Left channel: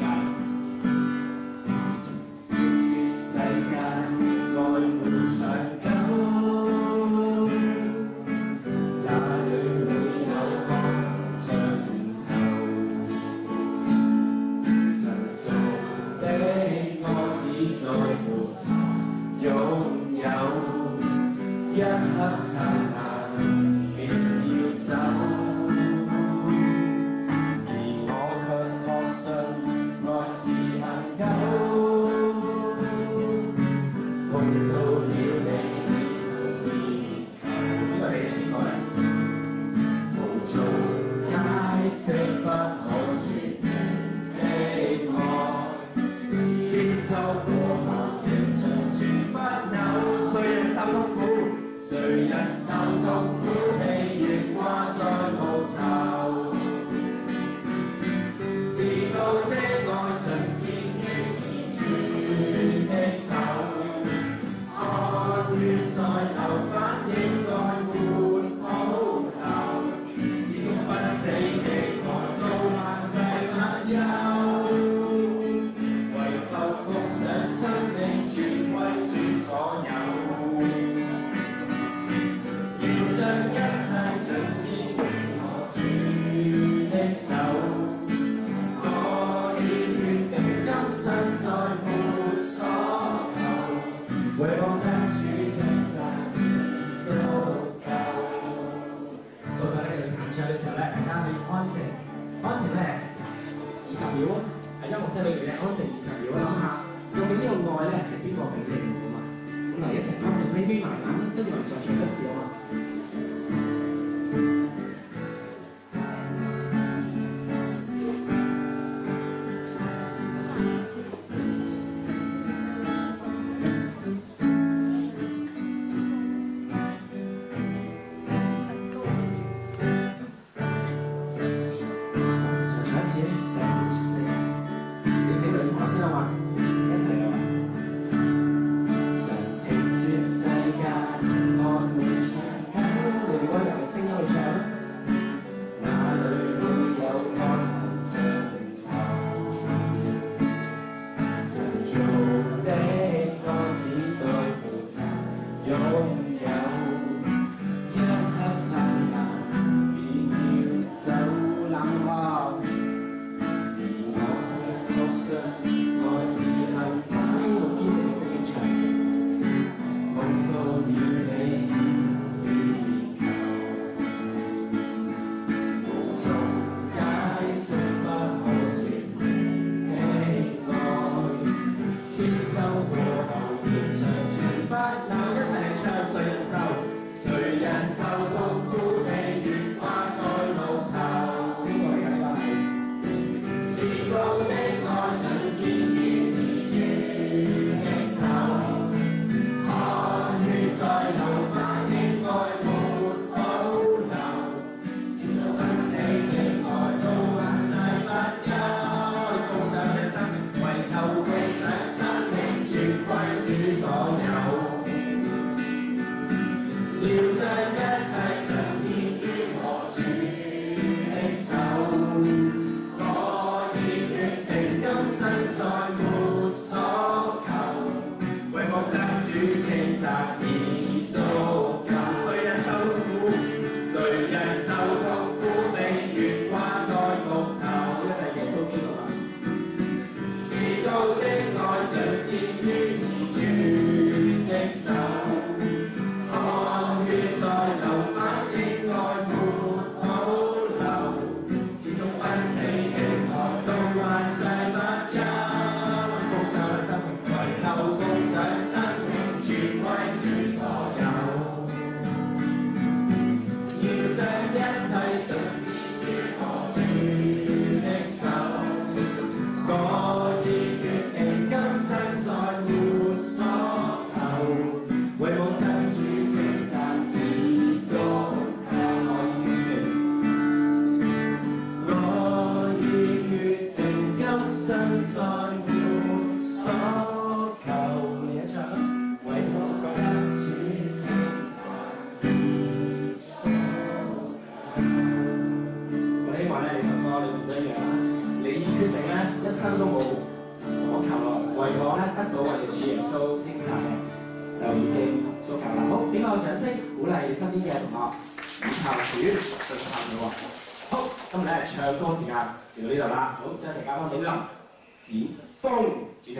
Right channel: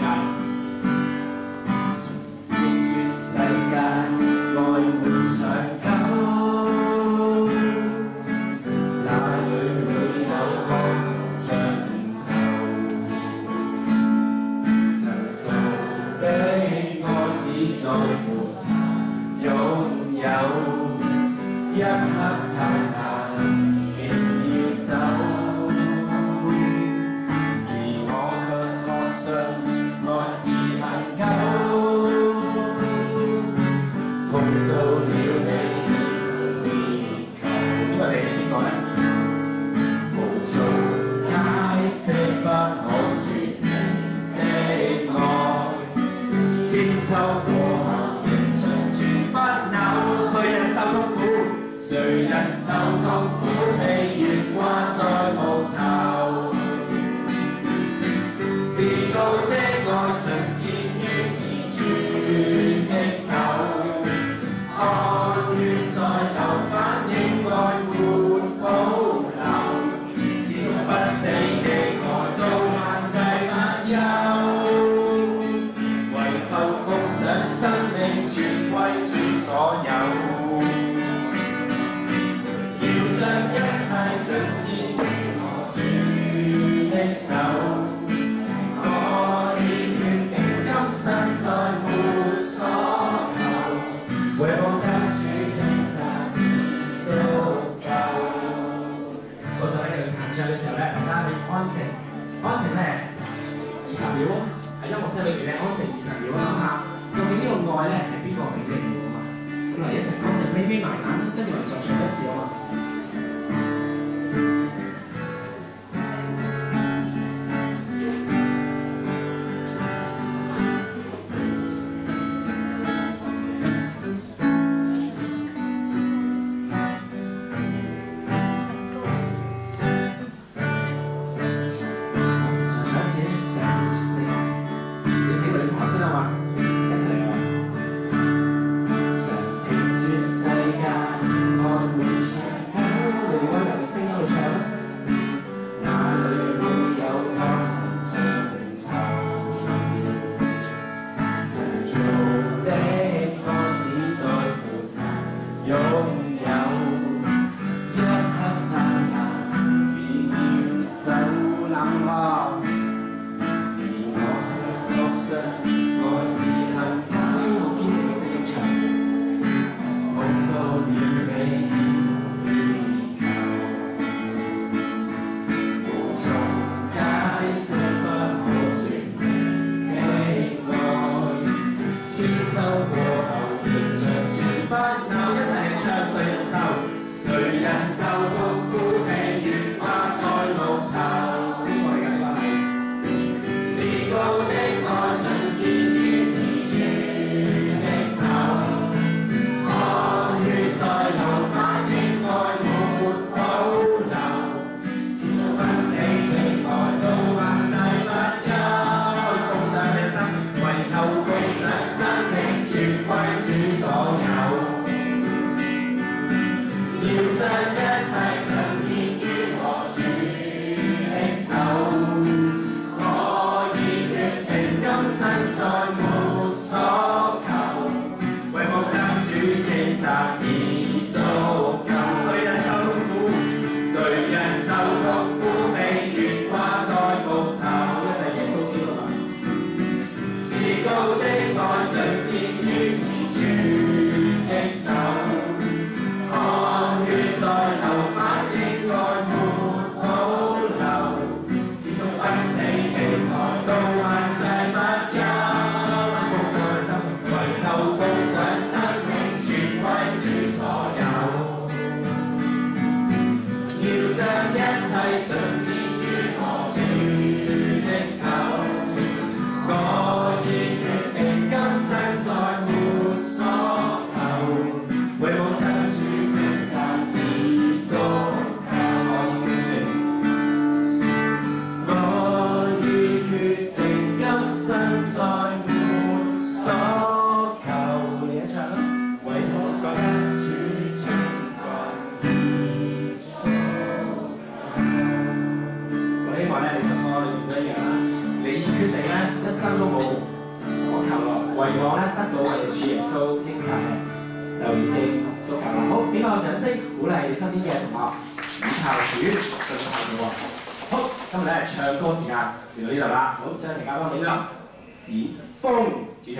界。逆說世界愛沒長久，哪裏會有光盡頭？曾做的我只在乎擁有，一刻燦爛便要走。秋過後仍長存不朽，誰人受痛苦？誰人受痛苦？被懸掛在木頭。自告的愛盡獻於自尊的手，愛願再流，反應愛沒保留，始終不死的愛到萬世萬有。生命全歸主所有，要將一切盡獻於我主的手。我已決定今生再沒所求，為我跟主稱讚已足夠。我想咧，你彈唱嘅時候咧，大家可以安靜咧20秒，喺音樂室裏邊咧安靜20秒，諗下。究竟呢個愛咧係邊個俾你嘅嘛？咁嚟一齊安靜眯埋眼，跟住我哋再唱一次好嘛？我哋再唱一次，上條説四個，你請女同學先好嘛？常聽說世界愛沒長學，以校主進校組喎。好，今日咧唱歌時間嚟到呢度啦。好，將時間交俾林子峰主席。